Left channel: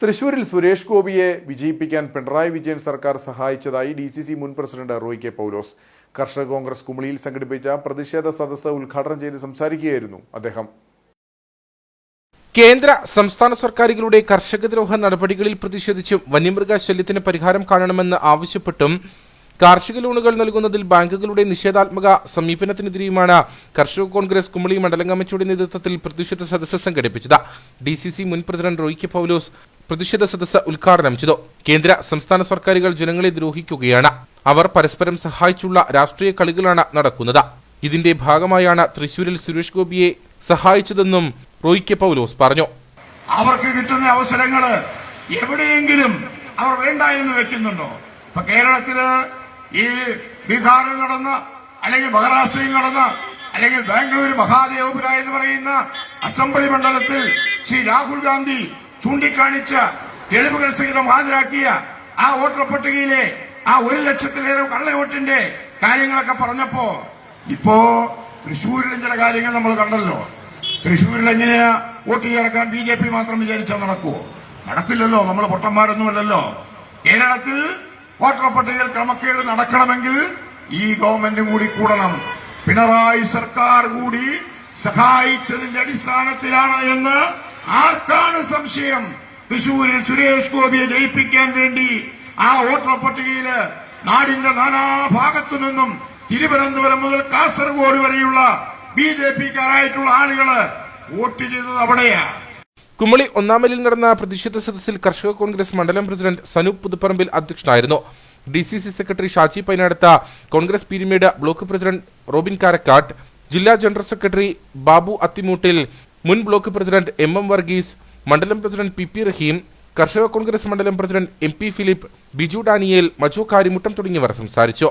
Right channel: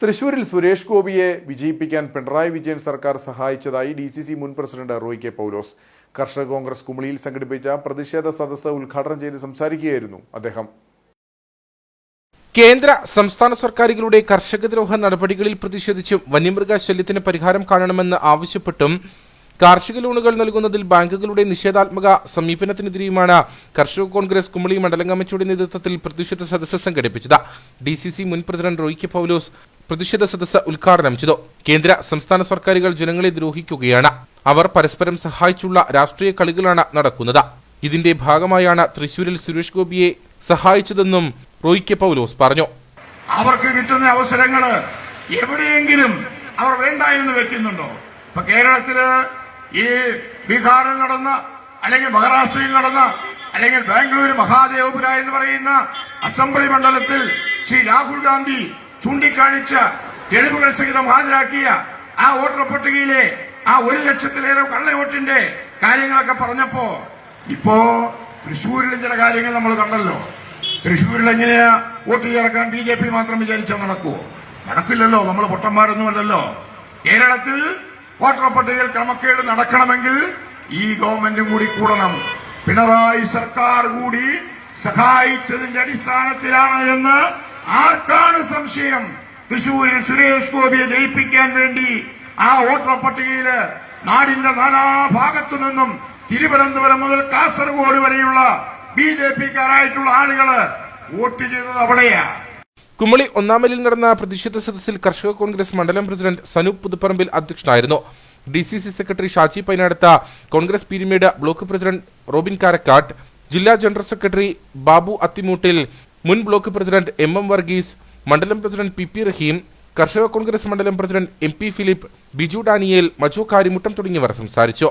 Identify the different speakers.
Speaker 1: തൃശൂരിൽ സുരേഷ് ഗോപിയെ വിജയിപ്പിക്കാൻ പിണറായി വിജയൻ സർക്കാർ സഹായിച്ചതായി ഡി സി സി മുൻ പ്രസിഡന്റ് റോയ് കെ പൗലോസ്. കർഷക കോൺഗ്രസ് കുമളിയിൽ സംഘടിപ്പിച്ച പ്രതിഷേധ സദസ്സ് ഉദ്ഘാടനം ചെയ്ത് സംസാരിക്കുകയായിരുന്നു അദ്ദേഹം.
Speaker 2: കേന്ദ്ര സംസ്ഥാന സർക്കാരുകളുടെ കർഷകദ്രോഹ നടപടികളിൽ പ്രതിഷേധിച്ചും വന്യമൃഗ ശല്യത്തിന് പരിഹാരം കാണണമെന്ന് ആവശ്യപ്പെട്ടും കാർഷിക ലോണുകൾ നൽകുന്നതിൽ ബാങ്കുകളുടെ നിഷേധാത്മക സമീപനത്തിനെതിരെയുമാണ് കർഷക കോൺഗ്രസ് കുമളി മണ്ഡലം കമ്മിറ്റിയുടെ നേതൃത്വത്തിൽ പ്രതിഷേധ സദസ്സ് സംഘടിപ്പിച്ചത്. ഡി മുൻ പ്രസിഡന്റ് റോയ് കെ പൗലോസ് പ്രതിഷേധ സദസ്സ് ഉദ്ഘാടനം ചെയ്തു കേന്ദ്ര സംസ്ഥാന സർക്കാരുകൾ ജനങ്ങളെ ദ്രോഹിക്കുകയാണ്. അവർ പരസ്പരം സഹായിച്ചുള്ള രാഷ്ട്രീയ കളികളാണ് നടക്കുന്നത്. ഇതിന്റെ ഭാഗമായാണ് തൃശൂരിൽ സുരേഷ് ഗോപിയെ സഹായിച്ചതെന്നും റോയ് കെ പൗലോസ് പറഞ്ഞു.
Speaker 3: അവർക്ക് കിട്ടുന്ന അവസരങ്ങൾ എവിടെയെങ്കിലും അവർ വേണ്ട എന്ന് വെക്കുന്നുണ്ടോ? ഇപ്പൊ കേരളത്തിൽ ഈ ബീഹാറിൽ നടന്ന അല്ലെങ്കിൽ മഹാരാഷ്ട്രയിൽ നടന്ന അല്ലെങ്കിൽ ബാംഗ്ലൂർ മഹാദേവപുര എന്ന് പറയുന്ന അസംബ്ലി മണ്ഡലത്തിൽ ശ്രീ രാഹുൽ ഗാന്ധി ചൂണ്ടിക്കാണിച്ച തെളിവുകൾ സഹിതം ഹാജരാക്കിയ ആ വോട്ടർ പട്ടികയിലെ ആ ഒരു ലക്ഷത്തിലേറെ കള്ളവോട്ടിന്റെ കാര്യങ്ങളൊക്കെ പറഞ്ഞപ്പോ ഇപ്പോ തൃശൂരിലും ചില കാര്യങ്ങൾ നമ്മൾ കണ്ടല്ലോ. തൃശൂരിൽ എങ്ങനെയാ വോട്ട് ചേർക്കാൻ ബി ജെ പി മാത്രം വിചാരിച്ചാൽ നടക്കുമോ നടക്കില്ലല്ലോ നമ്മൾ പൊട്ടന്മാരൊന്നുമല്ലല്ലോ. കേരളത്തിൽ വോട്ടർ പട്ടികയിൽ ക്രമക്കേട് നടക്കണമെങ്കിൽ ഈ ഗവൺമെന്റും കൂടി കൂടണം. പിണറായി സർക്കാർ കൂടി സഹായിച്ചതിന്റെ അടിസ്ഥാനത്തിലാണ് എന്ന് ആർക്കാണ് സംശയം? തൃശൂരിൽ സുരേഷ് ഗോപിയെ ജയിപ്പിക്കാൻ വേണ്ടി ആ വോട്ടർ പട്ടികയിൽ നാടിന്റെ നാനാഭാഗത്തു നിന്നും തിരുവനന്തപുരം മുതൽ കാസർഗോഡ് വരെയുള്ള ബി ജെ പിക്കാരായിട്ടുള്ള ആളുകൾ വോട്ട് ചെയ്തത് അവിടെയാണ്
Speaker 2: കുമളി ഒന്നാമലിൽ നടന്ന പ്രതിഷേധ സദസ്സിൽ കർഷക കോൺഗ്രസ് മണ്ഡലം പ്രസിഡന്റ് സനൂപ് പുതുപ്പറമ്പിൽ അധ്യക്ഷനായിരുന്നു. D C C secretary Shaji പൈനടുത്ത Congress Peermade block president Robin Karakkattu ജില്ലാ ജനറൽ സെക്രട്ടറി ബാബു അത്തിമൂട്ടിൽ മുൻ block president M M Varghese മണ്ഡലം പ്രസിഡന്റ് പി പി റഹീം കർഷക കോൺഗ്രസ് മണ്ഡലം president M P Philip Biju Daniel Maju Karimuttam തുടങ്ങിയവർ സംസാരിച്ചു.